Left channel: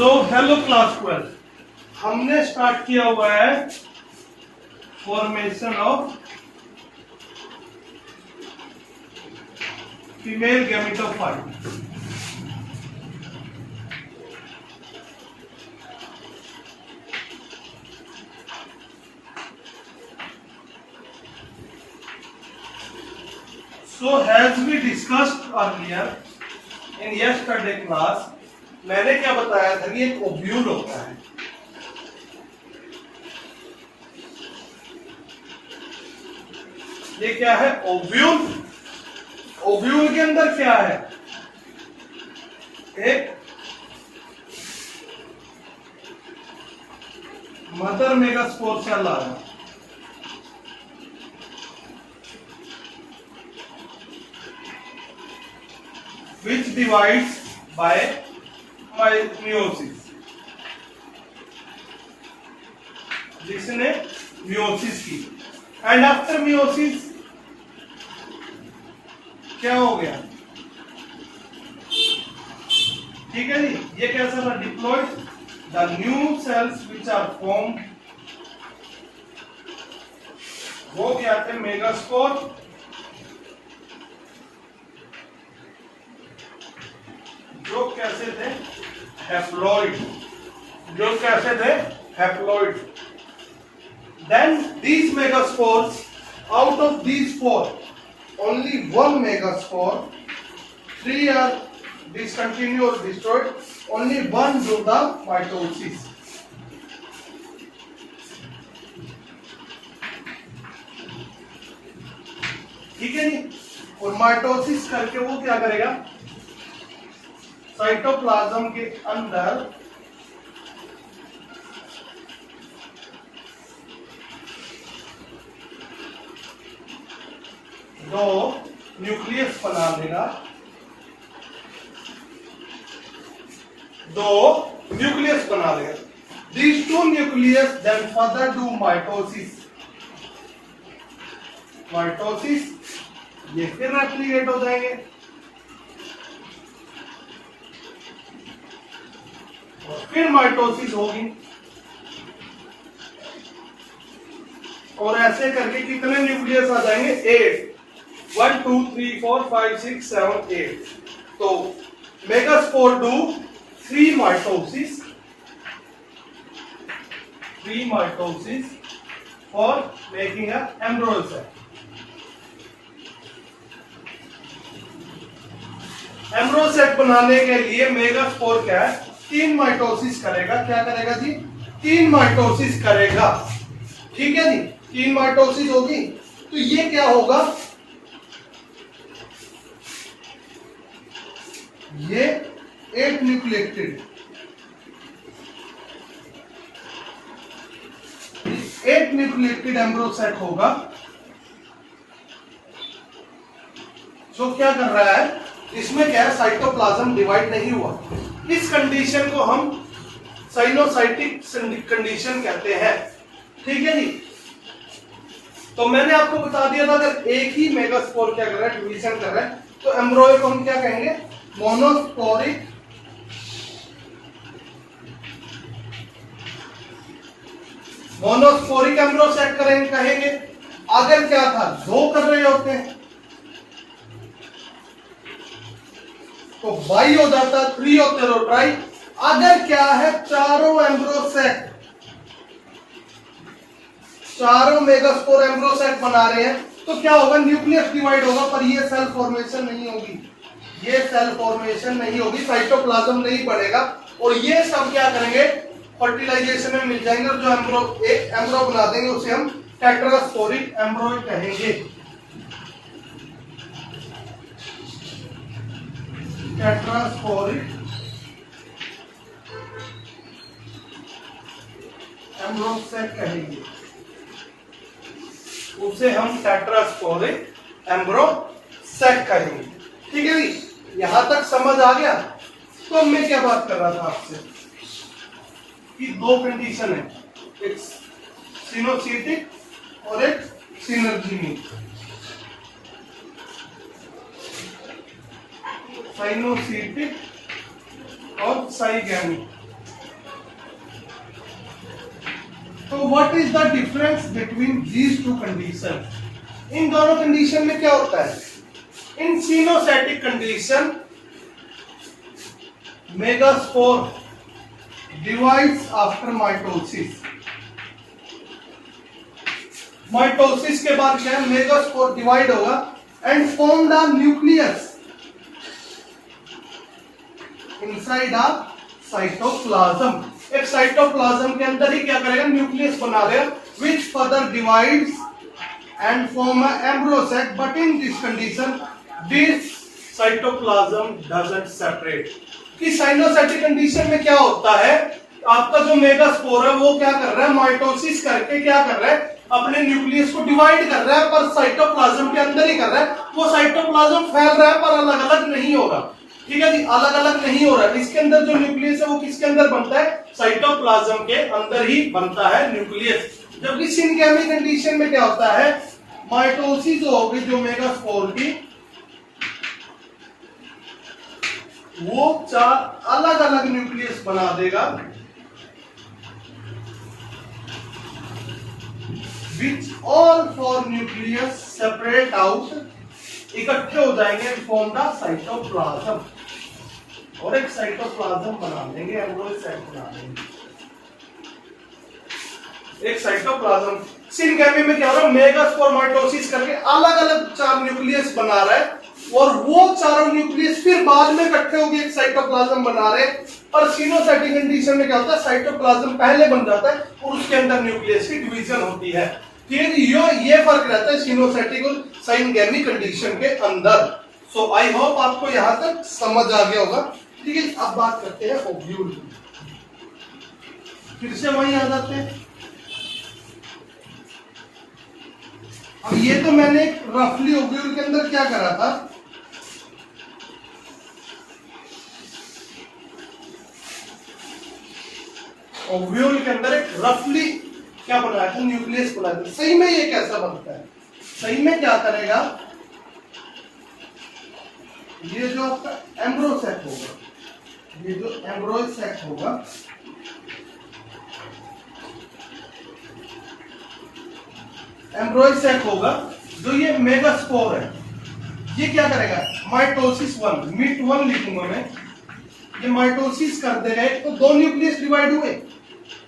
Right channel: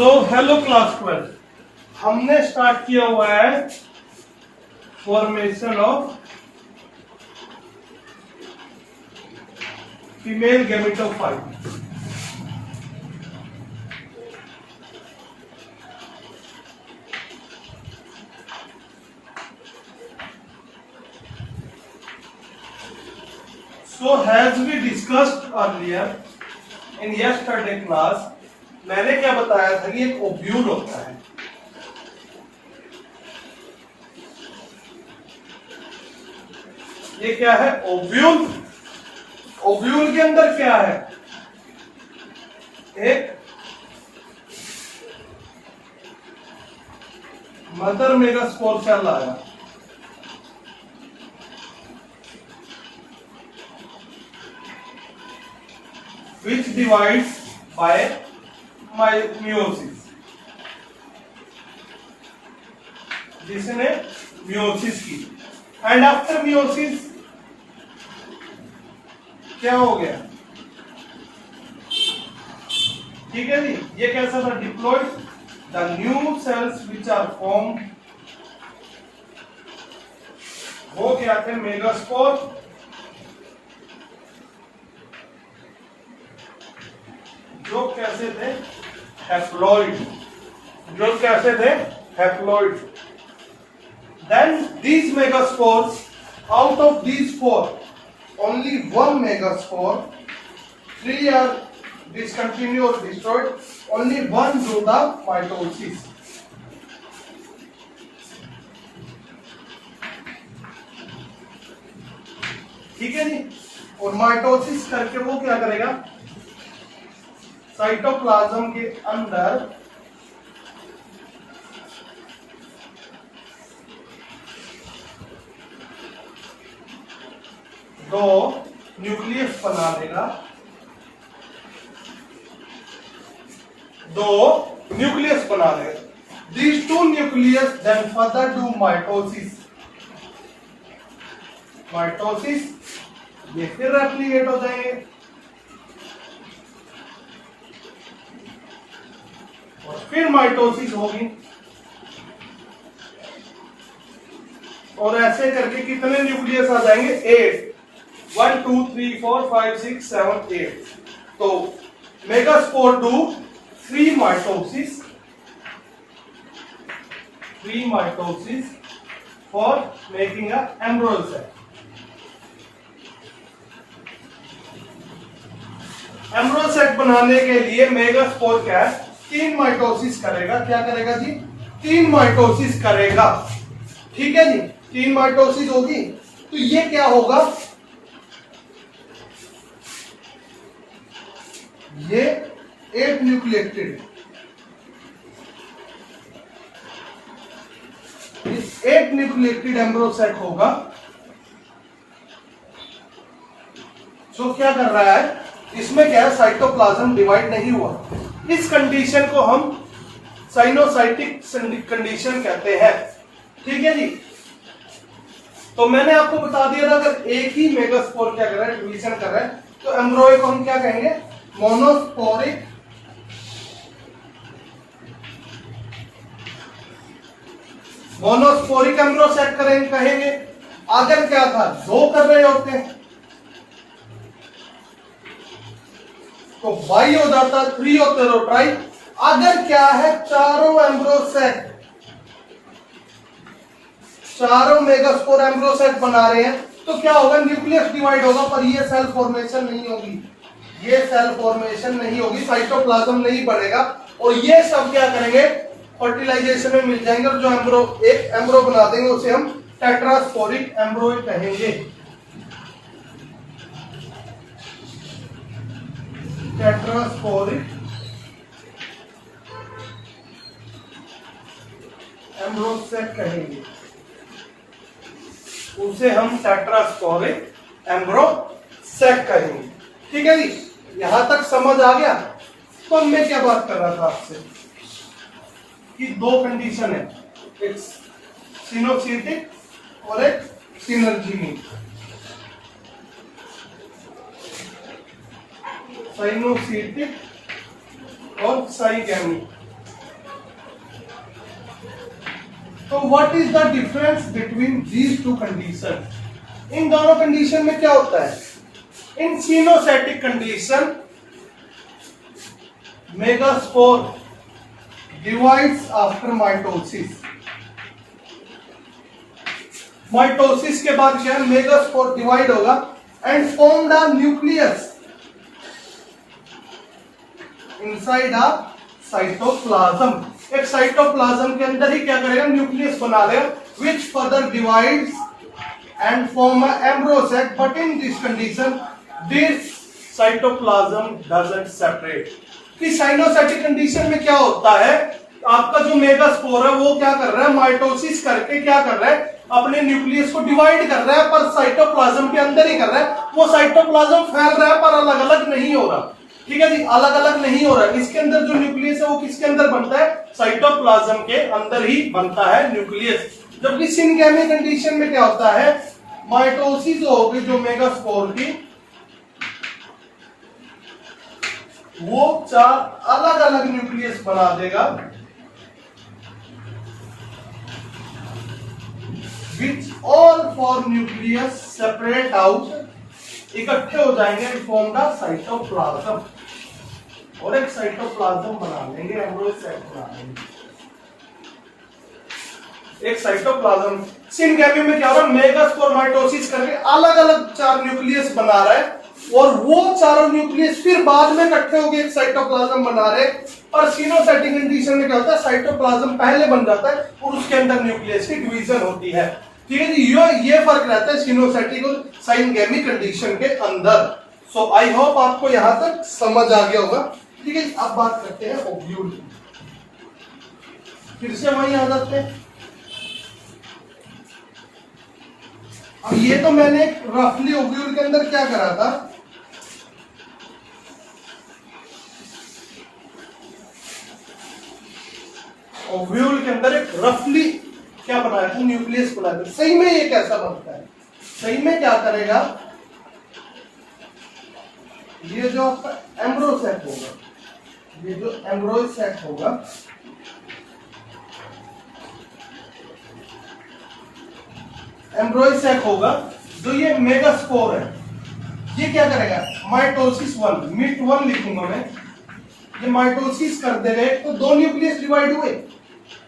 Hello class 12, हमने start किया हुआ है formation of female gametophyte. So as we discussed earlier in yesterday class, मैंने क्या बताया था कि एक ओव्यूल होता है। ये क्या है? ओव्यूल। ओव्यूल के अंदर क्या है? एक मदर मेगास्पोर सेल आया, which divides by meiosis, जिसने meiosis की। एंड आफ्टर meiosis क्या हो गया? ठीक है जी, ये कैसा था? Diploid the new cells which are form, वो क्या थे? मेगास्पोर। जो कैसे थे? हैप्लॉइड। जो कैसे थे? Haploid. Then these megaspores, out of these four, only one megaspore, three are discontinued or destroyed, only one do the mitosis. ठीक है जी। और माइटोसिस करके वो क्या करेगा? साइटोप्लाज्म के अंदर दो न्यूक्लियस बना देगा, दो न्यूक्लियस बना देगा। These two nucleus then further do mitosis. Mitosis, ये फिर रेप्लिकेट हो जाएंगे और फिर माइटोसिस होगी। और ऐसे करके कितने न्यूक्लियस आ जाएंगे? 8। 1 2 3 4 5 6 7 8। तो megaspore do 3 mitosis, 3 mitosis for making a embryo cell. Embryo cell बनाने के लिए मेगास्पोर क्या है? 3 माइटोसिस करेगा। क्या करेगा जी? 3 माइटोसिस करेगा। ठीक है जी, 3 माइटोसिस होगी तो ये क्या होगा? ये 8 न्यूक्लिएटेड, 8 न्यूक्लिएटेड एम्ब्रियो सेट होगा। जो क्या कर रहा है? इसमें क्या है? साइटोप्लाज्म डिवाइड नहीं हुआ। इस कंडीशन को हम साइनोसाइटिक कंडीशन कहते हैं। ठीक है जी। तो मैंने आपको बता दिया था, अगर एक ही मेगास्पोर क्या कर रहा है? डिवीजन कर रहा है, तो एम्ब्रियो को हम क्या कहेंगे? मोनोस्पोरिक एम्ब्रियो सेट कहेंगे। अगर क्या था? 2 कर रहे होते हैं तो बाई हो जाता, 3 होते तो ट्राई। अगर क्या है? चारों एम्ब्रियो सेट, चारों मेगास्पोर एम्ब्रियो सेट बना रहे हैं, तो क्या होगा? न्यूक्लियस डिवाइड होगा, पर ये सेल फॉर्मेशन नहीं होगी। ये सेल फॉर्मेशन नहीं होगी, साइटोप्लाज्म नहीं बनेगा। और ये सब क्या करेंगे? फर्टिलाइजेशन में मिल जाएंगे। और जो एम्ब्रियो, एक एम्ब्रियो बना देंगे, उसे हम टेट्रास्पोरिक एम्ब्रियो कहेंगे। टेट्रास्पोरिक एम्ब्रियो सेट कहेंगे, उसे हम टेट्रास्पोरिक एम्ब्रियो सेट कहेंगे। ठीक है जी, यहां तक समझ आ गया? तो मैं क्या बात कर रहा था आपसे कि 2 कंडीशन है, एक सिनोसिटिक और एक सिनर्जिनिक। साइनोसिटिक और साइगैमिक। तो what is the difference between these two condition? इन दोनों कंडीशन में क्या होता है? In coenocytic condition megaspore divides after mitosis. Mitosis के बाद क्या है? मेगास्पोर डिवाइड होगा and form the nucleus inside a cytoplasm. एक साइटोप्लाज्म के अंदर ही क्या करेगा? न्यूक्लियस बना देगा which further divides and form a embryo sac, but in this condition this cytoplasm doesn't separate। कि साइनोसाइटिक कंडीशन में क्या होता है? आपका जो मेगास्पोर है वो क्या कर रहा है? माइटोसिस करके क्या कर रहा है? अपने न्यूक्लियस को डिवाइड कर रहा है, पर साइटोप्लाज्म के अंदर ही कर रहा है। वो साइटोप्लाज्म फैल रहा है पर अलग अलग नहीं हो रहा। ठीक है जी, अलग अलग नहीं हो रहा है। इसके अंदर जो न्यूक्लियस है वो किसके अंदर बनता है? साइटोप्लाज्म के अंदर ही बनता है न्यूक्लियस। जबकि सिनगैमी कंडीशन में क्या होता है? माइटोसिस होगी जो मेगास्पोर की, वो 4 अलग अलग न्यूक्लियस बना देगा which all 4 nucleus separate out, इकट्ठे हो जाएंगे and form the साइटोप्लाज्म, और एक साइटोप्लाज्म बना लेंगे, एम्ब्रियो सैक बना लेंगे, एक साइटोप्लाज्म। सिनगैमी में क्या हो रहा है? मेगास्पोर माइटोसिस करके अलग अलग 4 न्यूक्लियस बना रहा है, और वो चारों न्यूक्लियस फिर बाद में इकट्ठे होकर एक साइटोप्लाज्म बना रहे। और सिनोसाइटिक कंडीशन में क्या होता है? साइटोप्लाज्म पहले बन जाता है और उसके अंदर न्यूक्लियस की डिवीजन होती है। ठीक है, ये फर्क रहता है सिनोसाइटिक और सिनगैमी कंडीशन के अंदर। सो आई होप आपको यहां तक समझ आ गया होगा। ठीक है, अब बात करते हैं ओव्यूल की। फिर से वहीं आ जाते हैं। अब ये तो मैंने रफली ओव्यूल के अंदर क्या करा था? ओव्यूल के अंदर एक रफली क्या बनाया था? न्यूक्लियस बनाया था। सही में ये कैसा बनता है? सही में क्या करेगा? ये जो आपका एम्ब्रियो सैक होगा, ये जो एम्ब्रियो सैक होगा, एम्ब्रियो सैक होगा, जो ये मेगास्पोर है, ये क्या करेगा? माइटोसिस 1, मिट 1 लिखूंगा मैं। ये माइटोसिस कर देगा, तो 2 न्यूक्लियस डिवाइड हुए,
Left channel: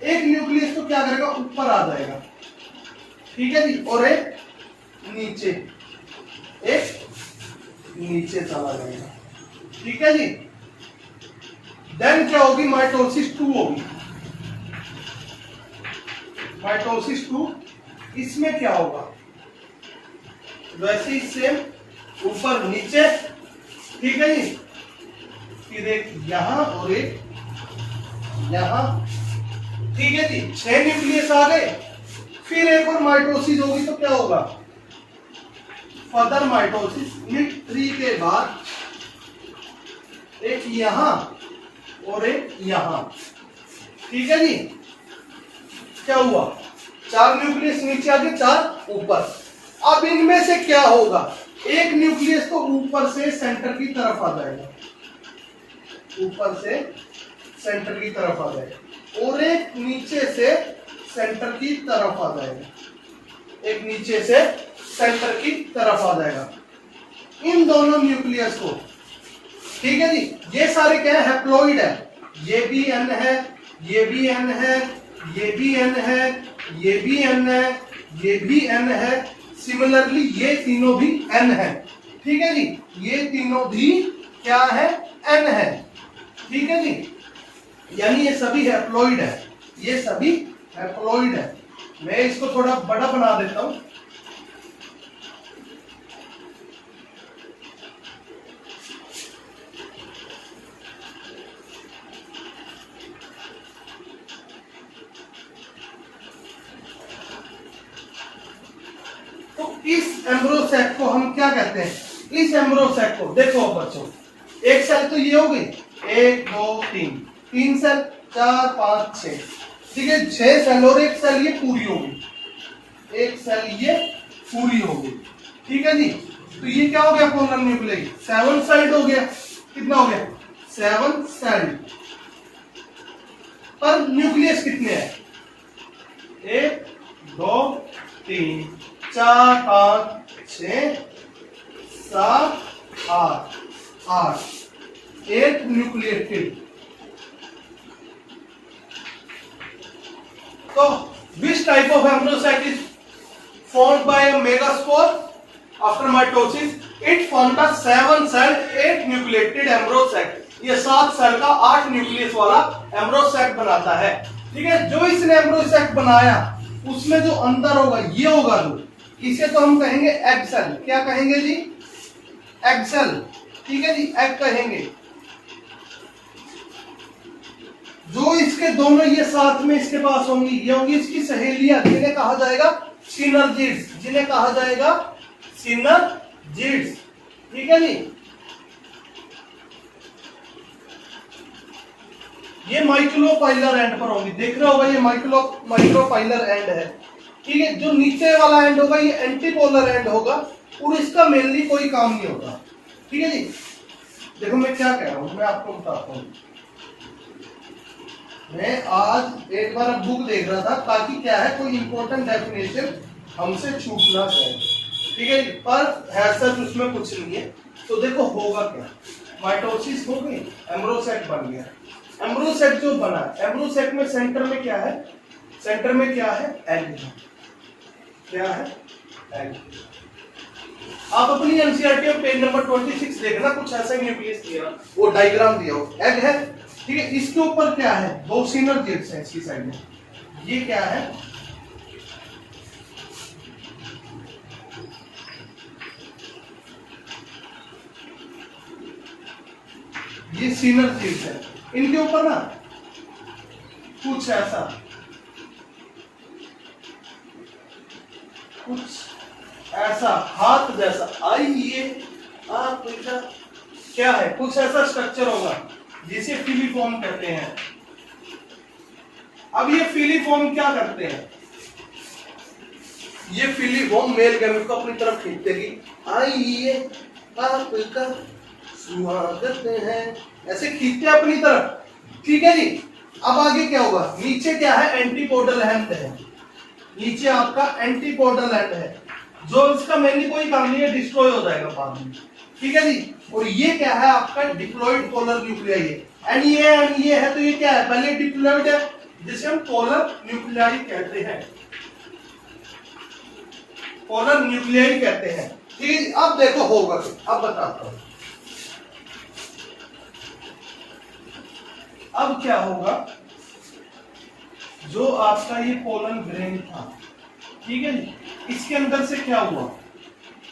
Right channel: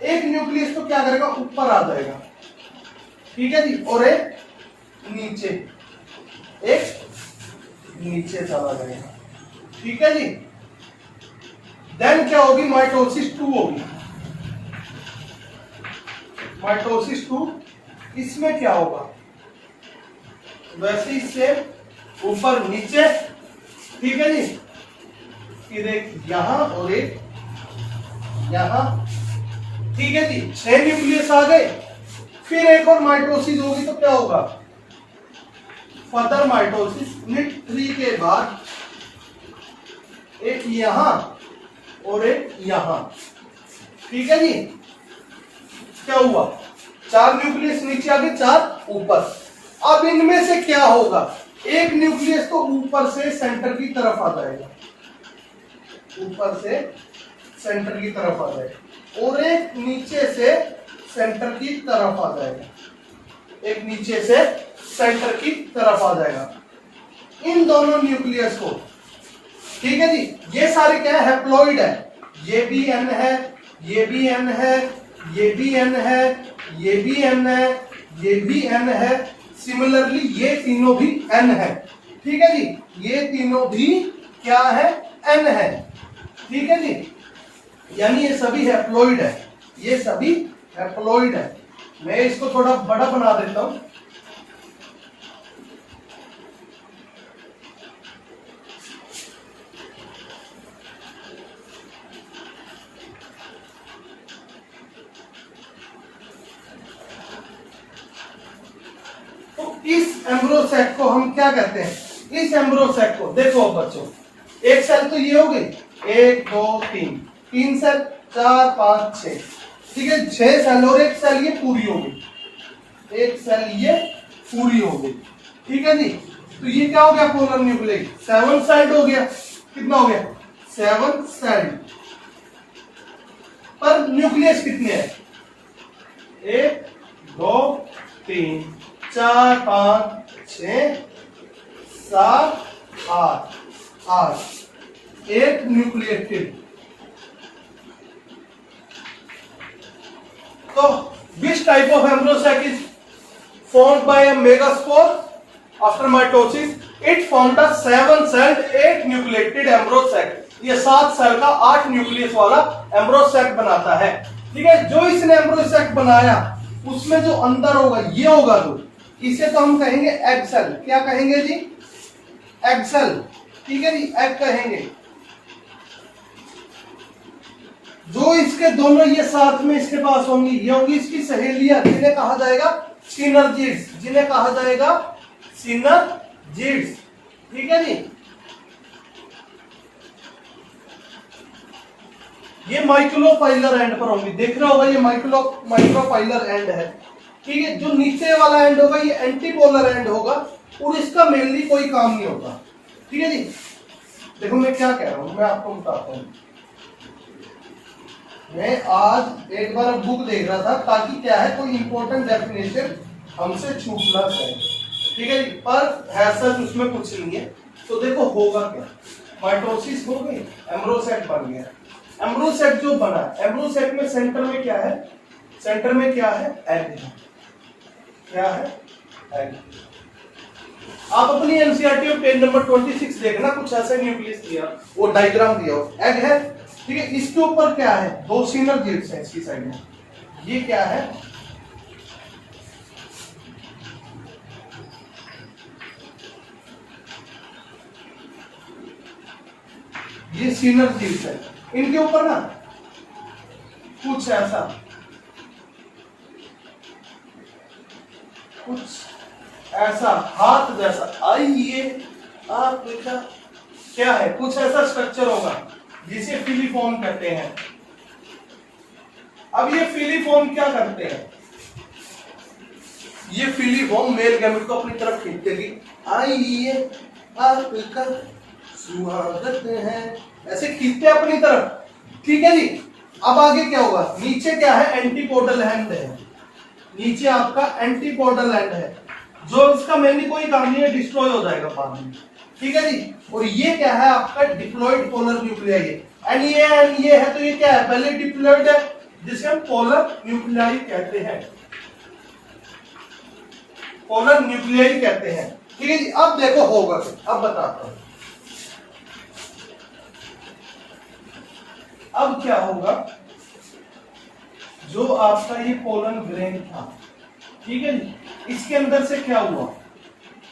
एक न्यूक्लियस तो क्या करेगा? ऊपर आ जाएगा। ठीक है जी, और एक नीचे, एक नीचे चला जाएगा। ठीक है जी। देन क्या होगी? माइटोसिस 2 होगी। माइटोसिस 2, इसमें क्या होगा? वैसे ही सेम ऊपर नीचे। ठीक है जी, फिर एक यहां और एक यहां। ठीक है जी, 6 न्यूक्लियस आ गए। फिर एक और माइटोसिस होगी तो क्या होगा? फर्दर माइटोसिस, मिट 3 के बाद एक यहां और एक यहां। ठीक है जी, क्या हुआ? 4 न्यूक्लियस नीचे आ गए, 4 ऊपर। अब इनमें से क्या होगा? एक न्यूक्लियस तो ऊपर से सेंटर की तरफ आ जाएगा, ऊपर से सेंटर की तरफ आ जाएगा, और एक नीचे से सेंटर की तरफ आ जाएगा, एक नीचे से सेंटर की तरफ आ जाएगा। इन दोनों न्यूक्लियस को, ठीक है जी, ये सारे क्या है? हैप्लॉइड है। ये भी एन है, ये भी एन है, ये भी एन है, ये भी एन है, ये भी एन है। सिमिलरली ये तीनों भी एन है। ठीक है जी, ये तीनों भी क्या है? एन है। ठीक है जी, यानी ये सभी हैप्लॉइड है, ये सभी हैप्लॉइड है। मैं इसको थोड़ा बड़ा बना देता हूं। तो इस एम्ब्रियो सैक को हम क्या कहते हैं? इस एम्ब्रियो सैक को देखो बच्चों, एक सेल तो ये हो गई, 1 2 3, 3 सेल, 4 5 6। ठीक है, 6 सेल और एक सेल ये पूरी हो गई, एक सेल ये पूरी हो गई। ठीक है जी, तो ये क्या हो गया? पोलर न्यूक्लियस 7 साइड हो गया। कितना हो गया? 7 साइड। पर न्यूक्लियस कितने हैं? 1 2 3 4 5 6 7 8 8 न्यूक्लिएटेड। तो which type of embryo sac is formed by a megaspore after mitosis? It formed a 7-celled 8 nucleated embryo sac। ये 7 सेल का 8 न्यूक्लियस वाला एम्ब्रो सैक बनाता है। ठीक है, जो इसने एम्ब्रो सैक बनाया उसमें जो अंदर होगा ये होगा, जो इसे तो हम कहेंगे एग सेल। क्या कहेंगे जी? Egg cell. ठीक है जी, एग कहेंगे। जो इसके दोनों ये साथ में इसके पास होंगी, ये होंगी इसकी सहेलियां, जिन्हें कहा जाएगा सिनर्जिड्स, जिन्हें कहा जाएगा सिनर्जिड्स। ठीक है जी, ये माइक्रोपाइलर एंड पर होंगी। देख रहे होगा ये माइक्रोपाइलर एंड है। ठीक है, जो नीचे वाला एंड होगा ये एंटीपोलर एंड होगा और इसका मेनली कोई काम नहीं होता। ठीक है जी, देखो मैं क्या कह रहा हूं, मैं आपको बताता हूं। मैं आज एक बार बुक देख रहा था ताकि क्या है कोई इंपॉर्टेंट डेफिनेशन हमसे छूट ना जाए। ठीक है जी, पर है सच उसमें कुछ नहीं है। तो देखो होगा क्या, माइटोसिस हो गई, एम्ब्रो सेक बन गया। एम्ब्रो सेक जो बना, एम्ब्रो सेक में सेंटर में क्या है? सेंटर में क्या है? एग है। क्या है? एग। आप अपनी एनसीईआरटी में पेज नंबर 26 देखना, कुछ ऐसा न्यूक्लियस दिया, वो डायग्राम दिया हो, एग है। ठीक है, इसके ऊपर क्या है? 2 सिनर्जिड्स हैं इसकी साइड में। ये क्या है? ये सिनर्जिड्स है। इनके ऊपर ना कुछ ऐसा, कुछ ऐसा हाथ जैसा, आइए आप देखा क्या है, कुछ ऐसा स्ट्रक्चर होगा जिसे फिलीफॉर्म कहते हैं। अब ये फिलीफॉर्म क्या करते हैं? ये फिलीफॉर्म मेल गैमेट को अपनी तरफ खींचते कि आइए आपका स्वागत है, ऐसे खींचते अपनी तरफ। ठीक है जी, अब आगे क्या होगा? नीचे क्या है? एंटीपोडल एंड है। नीचे आपका एंटीपोडल एंड है, जो इसका मेनली कोई काम नहीं है, डिस्ट्रॉय हो जाएगा बाद में। ठीक है जी, और ये क्या है? आपका डिप्लॉयड पोलर न्यूक्लियाई है। एंड ये है, तो ये क्या है? पहले डिप्लॉयड है, जिसे हम पोलर न्यूक्लियाई कहते हैं। पोलर न्यूक्लियाई कहते हैं। ठीक है जी, अब देखो होगा, अब बताता हूं। अब क्या होगा? जो आपका ये पोलन ग्रेन था, ठीक है जी, इसके अंदर से क्या हुआ?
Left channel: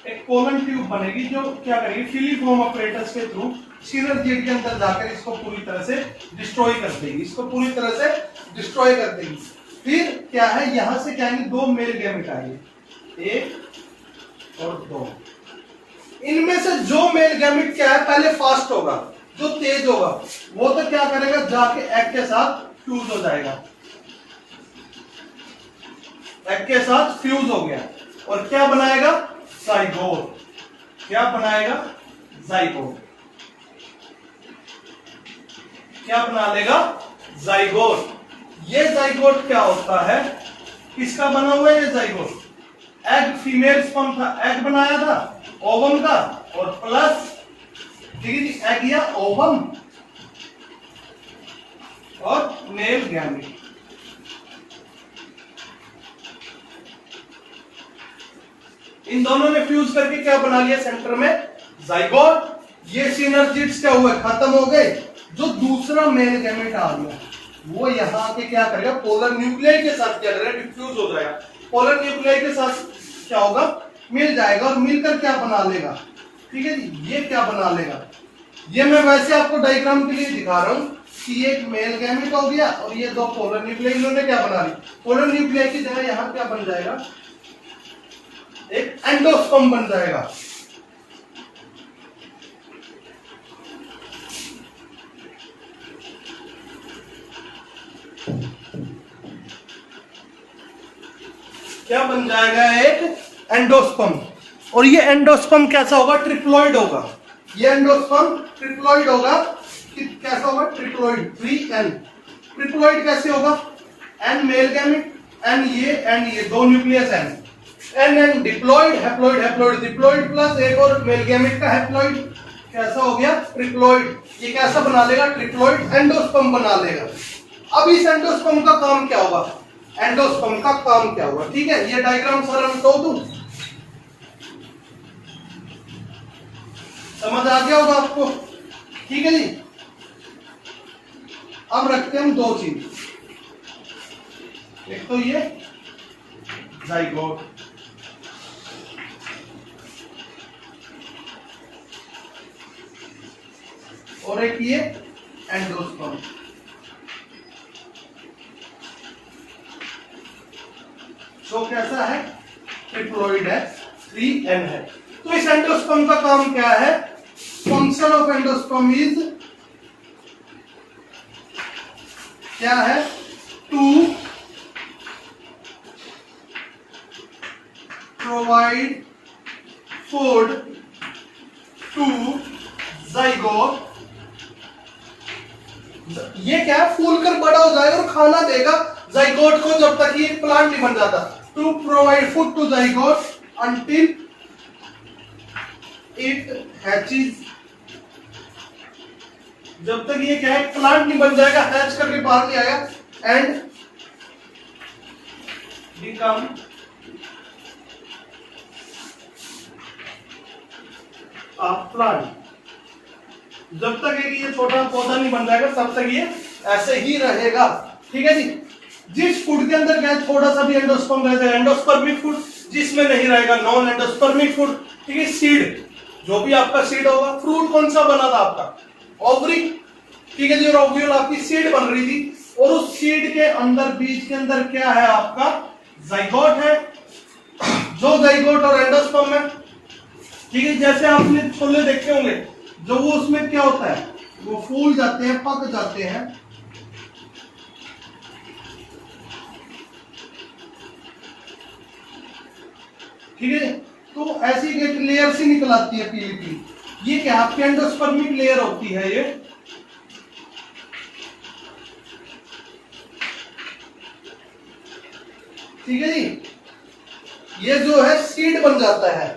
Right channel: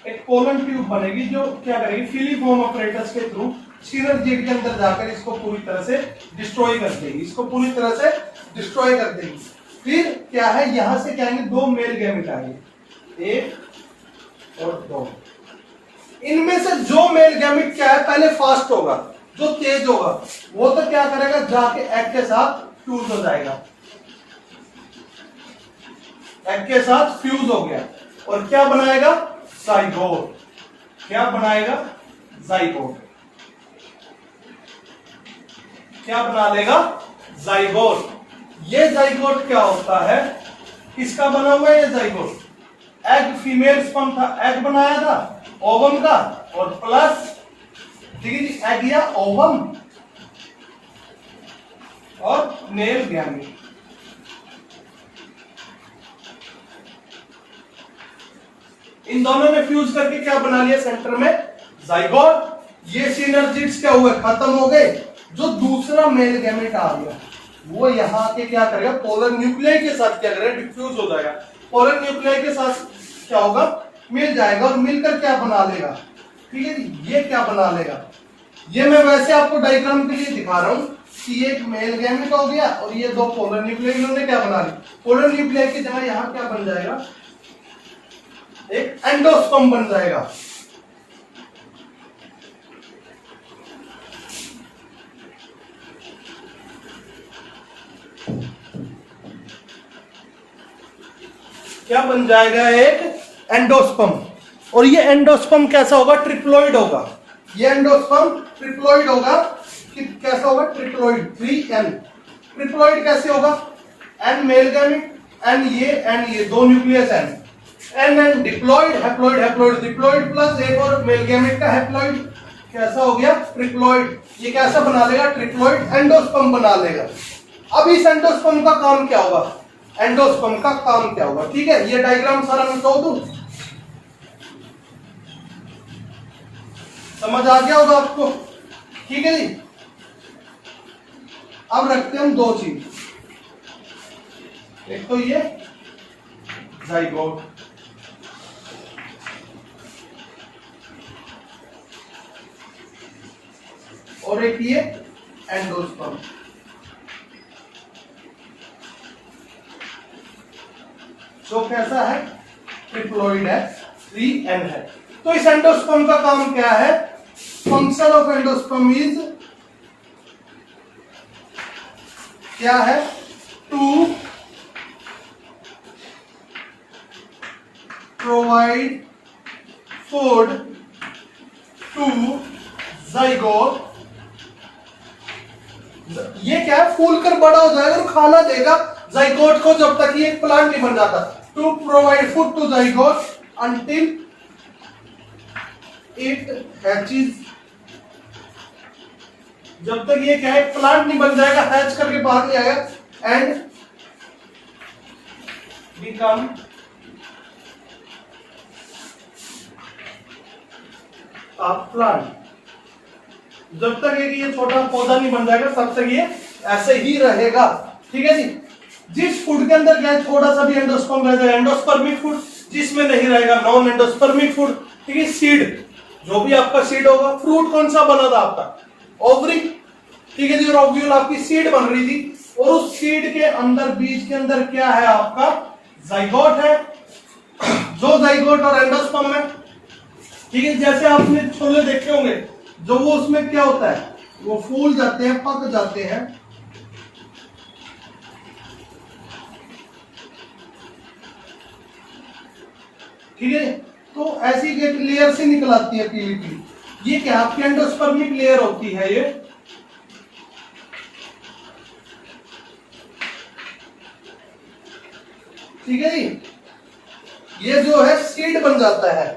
एक पोलन ट्यूब बनेगी जो क्या करेगी? फिलीफॉर्म अपरेटस के थ्रू सिनर्जिड के अंदर जाकर इसको पूरी तरह से डिस्ट्रॉय कर देगी, इसको पूरी तरह से डिस्ट्रॉय कर देगी। फिर क्या है? यहां से क्या आएंगे? 2 मेल गैमेट आएंगे, 1 और 2। इनमें से जो मेल गैमेट क्या है? पहले फास्ट होगा, जो तेज होगा वो तो क्या करेगा? जाके एग के साथ फ्यूज हो जाएगा। एग के साथ फ्यूज हो गया और क्या बनाएगा? जाइगोट। क्या बनाएगा? जाइगोट। क्या बना लेगा? जाइगोट। ये जाइगोट क्या होता है? किसका बना हुआ है ये जाइगोट? एग फीमेल स्पर्म था, एग बनाया था ओवम का, और प्लस ठीक है जी एग या ओवम और मेल गैमेट। इन दोनों ने फ्यूज करके क्या बना लिया? सेंटर में जाइगोट। ये सिनर्जिड्स क्या हुए? खत्म हो गए। जो दूसरा मेल गैमेट आ गया वो यहां के क्या करेगा? पोलर न्यूक्लियाई के साथ क्या करेगा? डिफ्यूज हो जाएगा। पोलर न्यूक्लियाई के साथ क्या होगा? मिल जाएगा और मिलकर क्या बना लेगा? ठीक है जी, ये क्या बना लेगा? ये मैं वैसे आपको डायग्राम के लिए दिखा रहा हूं कि एक मेल गैमेट हो गया और ये 2 पोलर न्यूक्लियाई, इन्होंने क्या बना ली? पोलर न्यूक्लियाई की जगह यहां क्या बन जाएगा? एक एंडोस्पर्म बन जाएगा। क्या बन जाएगा? एक एंडोस्पर्म। और ये एंडोस्पर्म कैसा होगा? ट्रिप्लॉइड होगा। ये एंडोस्पर्म ट्रिप्लॉइड होगा। कैसा होगा? Triploid, 3N। ट्रिप्लॉइड कैसे होगा? N मेल गैमेट, एन ये दो nucleus N diploid haploid haploid diploid plus एक और मेल गैमेट का हैप्लॉइड, कैसा हो गया ट्रिप्लॉइड। ये कैसा बना लेगा ट्रिप्लॉइड एंडोस्पर्म बना लेगा। अब इस एंडोस्पर्म का काम क्या होगा, एंडोस्पर्म का काम क्या होगा, ठीक है। ये डायग्राम सारा मैं तो दूं, समझ आ गया होगा आपको, ठीक है जी। अब रखते हैं हम दो चीज, एक तो ये जाइगोट और एक ये एंडोस्पर्म। जो कैसा है ट्रिप्लॉइड है, 3n है। तो इस एंडोस्पर्म का काम क्या है, फंक्शन ऑफ एंडोस्पर्म इज क्या है, to provide food to zygote. ये क्या है, फूल कर बड़ा हो जाएगा और खाना देगा जाइगोट को जब तक ये प्लांट नहीं बन जाता। To provide food to zygote until it hatches, जब तक ये क्या है प्लांट नहीं बन जाएगा, हैच करके बाहर नहीं आएगा, एंड बिकम अ प्लांट। जब तक है कि ये छोटा पौधा नहीं बन जाएगा तब तक ये ऐसे ही रहेगा, ठीक है जी। जिस फूड के अंदर क्या है थोड़ा सा भी एंडोस्पर्म रह जाएगा, एंडोस्पर्मिक फूड, जिसमें नहीं रहेगा नॉन एंडोस्पर्मिक फूड, ठीक है। सीड, जो भी आपका सीड होगा, फ्रूट कौन सा बना था आपका, ओवरी, ठीक है जी, और ओव्यूल आपकी सीड बन रही थी, और उस सीड के अंदर बीज के अंदर क्या है आपका जाइगोट है, जो जाइगोट और एंडोस्पर्म है, ठीक है। जैसे आपने छोले देखे होंगे, जो वो उसमें क्या होता है, वो फूल जाते हैं, पक जाते हैं, ठीक है। तो ऐसी एक लेयर से निकल आती है पीली पीली, ये क्या आपकी एंडोस्पर्मिक लेयर होती है ये, ठीक है जी। ये जो है सीड बन जाता है,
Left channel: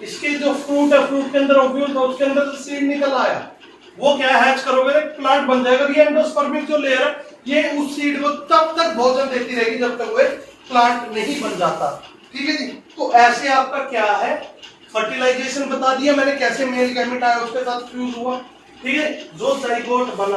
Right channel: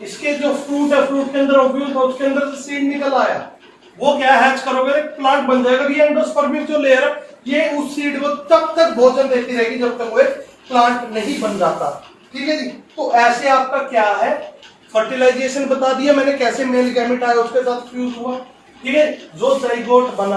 इसके जो फ्रूट है, फ्रूट के अंदर ओव्यूल था, उसके अंदर से सीड निकल आया, वो क्या हैच करोगे एक प्लांट बन जाएगा। ये एंडोस्पर्मिक जो लेयर है ये उस सीड को तब तक भोजन देती रहेगी जब तक वो एक प्लांट नहीं बन जाता, ठीक है जी। तो ऐसे आपका क्या है फर्टिलाइजेशन बता दिया मैंने, कैसे मेल गैमेट आया उसके साथ फ्यूज हुआ, ठीक है, जो जाइगोट बना।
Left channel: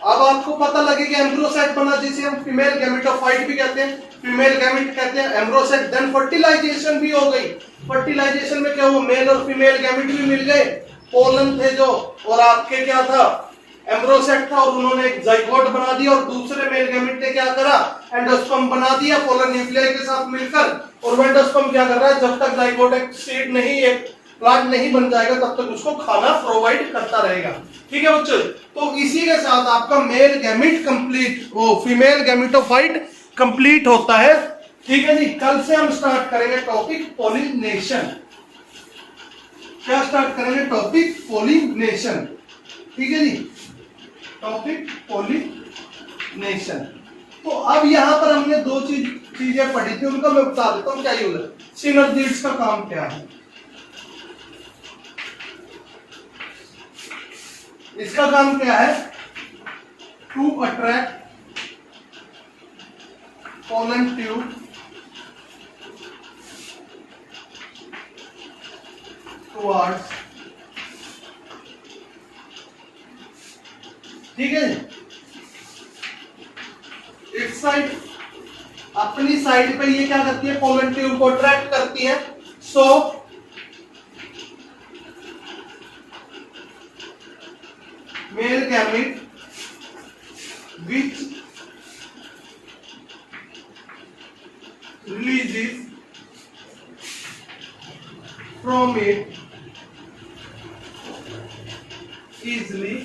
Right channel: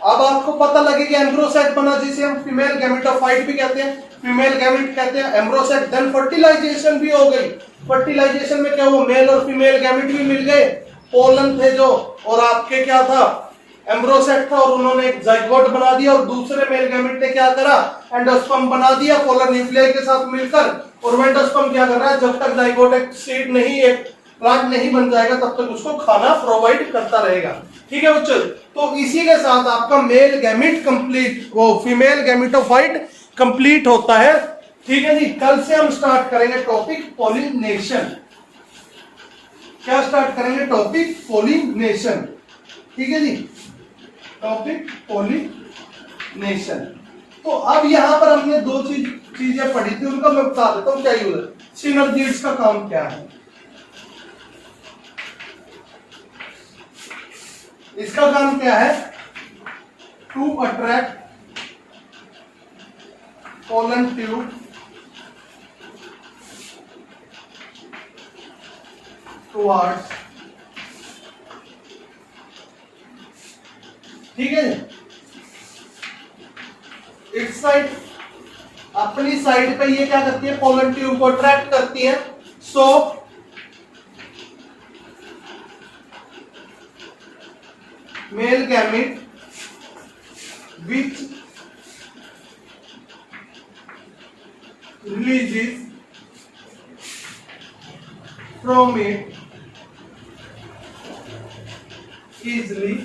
अब आपको पता लगेगा एम्ब्रोसाइट बना, जिसे हम फीमेल गैमेटोफाइट भी कहते हैं, फीमेल गैमेट कहते हैं, एम्ब्रोसाइट। देन फर्टिलाइजेशन भी हो गई, फर्टिलाइजेशन में क्या हुआ, मेल और फीमेल गैमेट भी मिल गए, पोलन थे जो, और आपके क्या था एम्ब्रोसेट था, और उन्होंने एक जाइगोट बना दिया, और दूसरे मेल गैमेट ने क्या करा एंडोस्पर्म बना दिया पोलर न्यूक्लियाई के साथ मिलकर। और वो एंडोस्पर्म क्या कर रहा है, जब तक जाइगोट एक सीड नहीं, एक प्लांट नहीं बन जाएगा तब तक उसको खाना प्रोवाइड करता रहेगा, ठीक है बच्चों। तो इसी के साथ आपका मेल गैमेट कंप्लीट, वो फीमेल गैमेटोफाइट कंप्लीट होता है, ठीक है जी। कल से हम स्टार्ट करेंगे टॉपिक पॉलिनेशन। क्या स्टार्ट करेंगे, टॉपिक पॉलिनेशन, ठीक है जी, टॉपिक पॉलिनेशन। तो अब यहां पर हमने दो चीजें पढ़ी थी, उनका मैं बता देता हूं क्या यूज है। सिनर्जिड्स का काम क्या है, इसका काम क्या है, to attract pollen tube towards, ठीक है। इस साइड, अपनी साइड पे ये क्या करती है, पोलन ट्यूब को अट्रैक्ट करती है। So male gamete which releases from it easily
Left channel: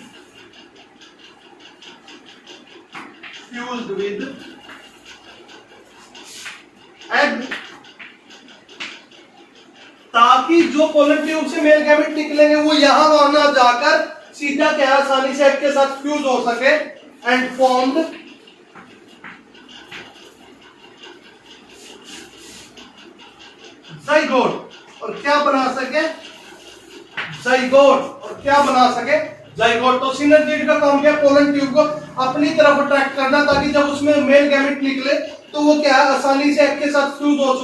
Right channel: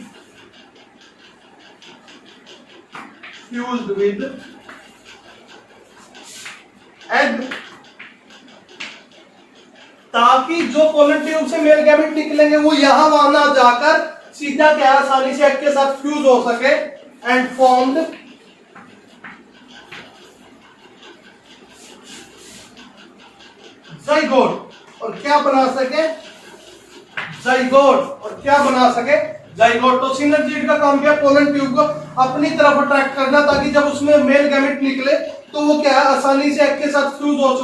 fused with egg, ताकि जो पोलन ट्यूब से मेल गैमेट निकलेंगे वो यहां वहां ना जाकर सीधा क्या आसानी से एग के साथ फ्यूज हो सके, एंड फॉर्म्ड जाइगोट और क्या बना सके जाइगोट और क्या बना सके जाइगोट। तो सिनर्जिड का काम क्या है, पोलन ट्यूब को अपनी तरफ अट्रैक्ट करना ताकि जब उसमें मेल गैमेट निकले तो वो क्या है आसानी से एग के साथ फ्यूज हो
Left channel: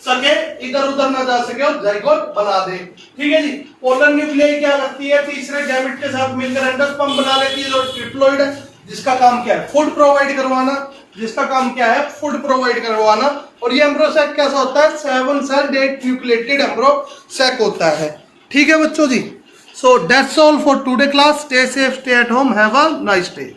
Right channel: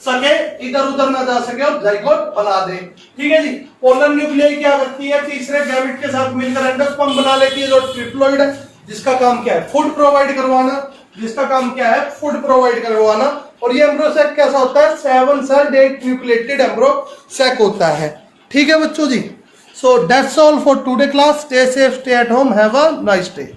सके इधर उधर ना जा सके और जाइगोट बना दे। ठीक है जी। पोलन न्यूक्लियाई क्या करती है, तीसरे गैमेट के साथ मिलकर एंडोस्पर्म बना लेती है जो ट्रिप्लोइड है, जिसका काम क्या है फूड प्रोवाइड करवाना, जिसका काम क्या है फूड प्रोवाइड करवाना। और ये एम्ब्रोसैक कैसा होता है, 7 सेल्ड एक न्यूक्लिएटेड एम्ब्रोसैक होता है। ठीक है बच्चों जी। So that's all for today class. Stay safe, stay at home, have a nice day.